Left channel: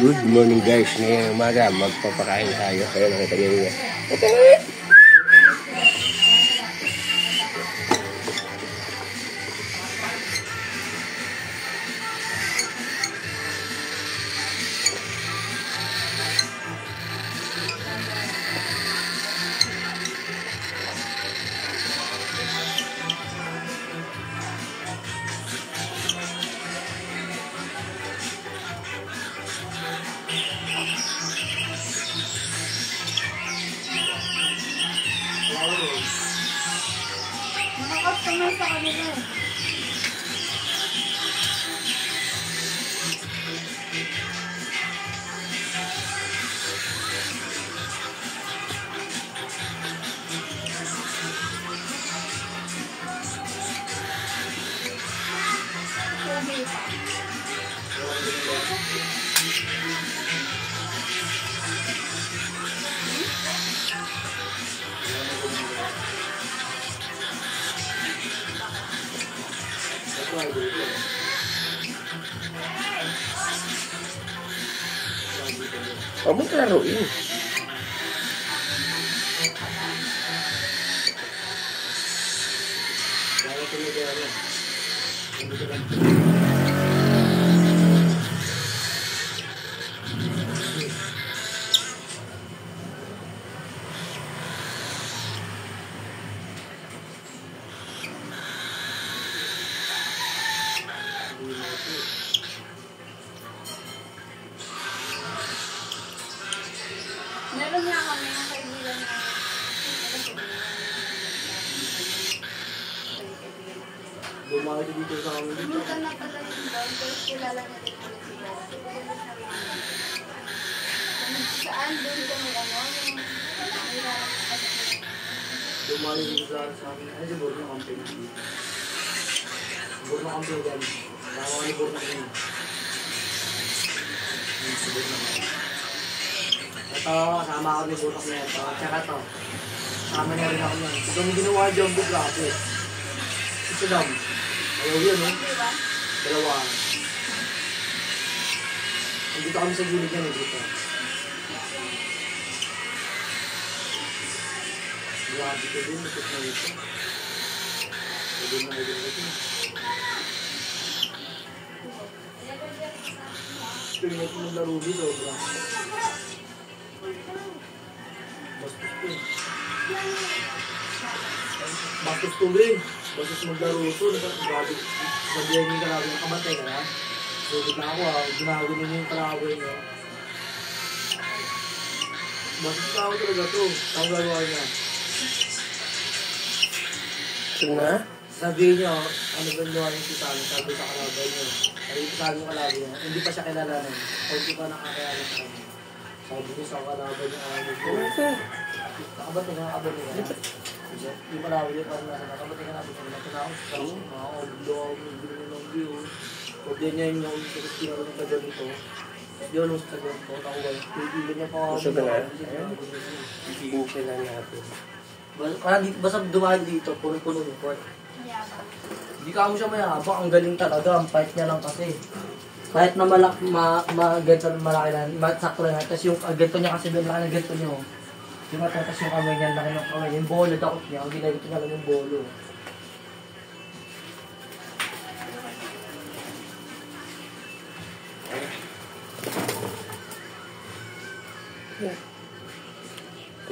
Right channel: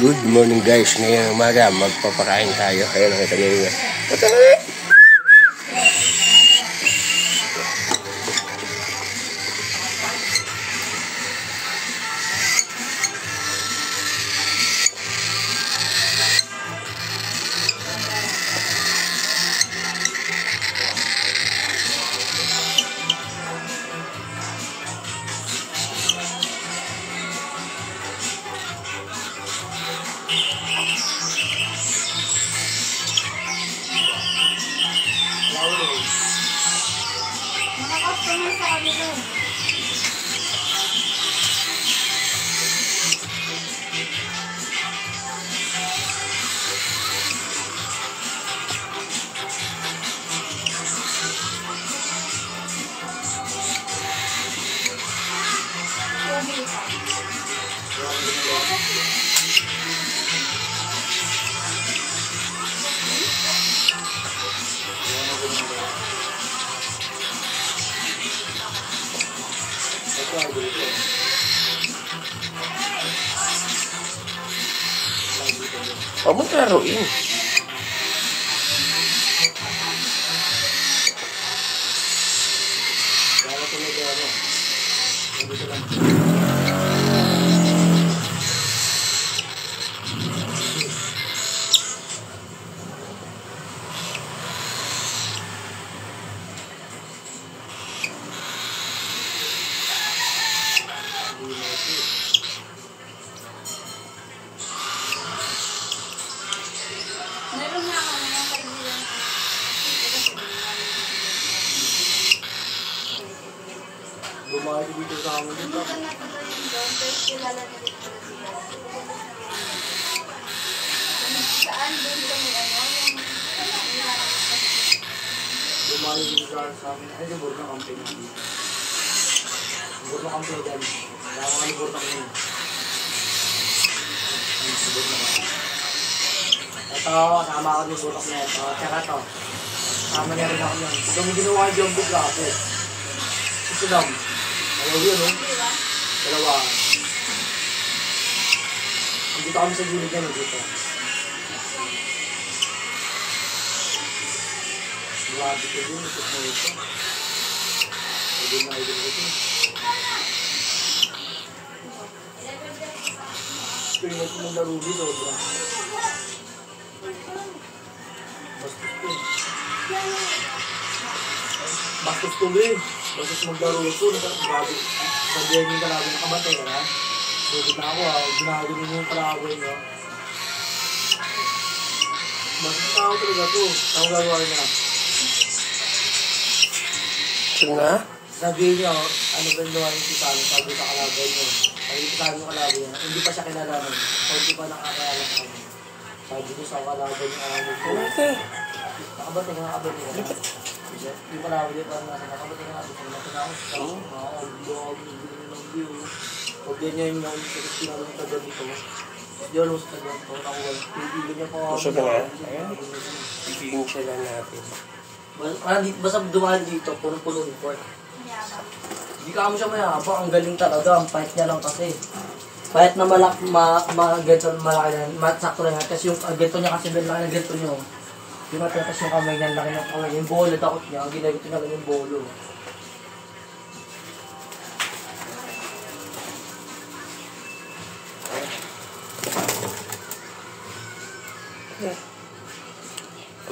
Good morning guys, ngayong umaga magpapakain tayo. Ayun, nakita nyo yun. Nakaka-customer sa kanila. Huwag mo klaruin. Meron nga kami yung kaibigan na Bumalik dito sa amin dito. minsan nagpunta yung doon, pero kilala na din kami sila. Saan doon kami yung Bumalik dito sa amin. Ay, di Borno camping. Borno camping dyan. Kaya kami Borno camping. Ito, sama ako ni Borno na ito. Tsaka ito. Sama niya rin ako yan. Ito mo ginawa yung jumbo bracket. Ito lang. Ayaw yun, no? Dalawa. Dito kami sa gilid yan, dito. Grabe ko din, ito na ito. Pwede na ito ito. Pingat mo ng laro dito, bro. Bastos ko eh. Bastos ko rin. Bastos maglaro ito. Grabe. Sabihan yung kalaban ng kamatay ka na. Sugod na ako ha. Ginagawa nyo yung kalaban nyo. Bastos na ako talaga ito. Ako gagawa nyo. Sige na. Sabihin nyo, ano ba yung gawa nyo si Sally? Sabi sa kalaban nyo. Sabi yung kalaban nyo. Hindi pa siya kinalaman. Hindi pa nakakayala sa kanya. Sabi nyo sa kalaban nyo. Nakabatay ka nakabatay ka na. Hindi pa nakabili pa nasa nakabatay ka na. Sabi nyo na ako sa mga oblog, hindi ng view. Huwag din niya yung sinagawa ng tagal dito. Yun ang sa tagal ko. Nakuha. Pipili niya pa ako. Gusto ka na? Ayan. Pipigin siya lang natin. Basta dumaan dito, puno-puno yung pork. Hindi ka mo siya mayabang. Ang galing talaga. Ang fight niya lang kasi. Kahit na malaki, ganito malaki na, sakto lang. Tapos yung ganito niya kasi laki ng ganito niya. Yung matatas yung kamay niya, laki ng kamay. Yung bolo, takot niya. Ang ginagito niya lang yung bolo.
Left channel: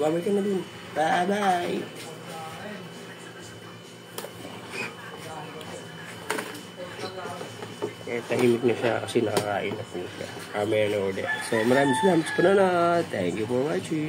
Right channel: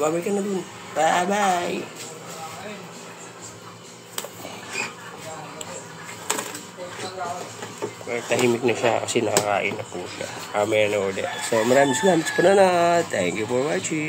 Babay ka na dun. Bye-bye. Tahimik na siya kasi nakakain na po siya. Mamaya na ulit. So maraming salamat sa panonood. Thank you for watching.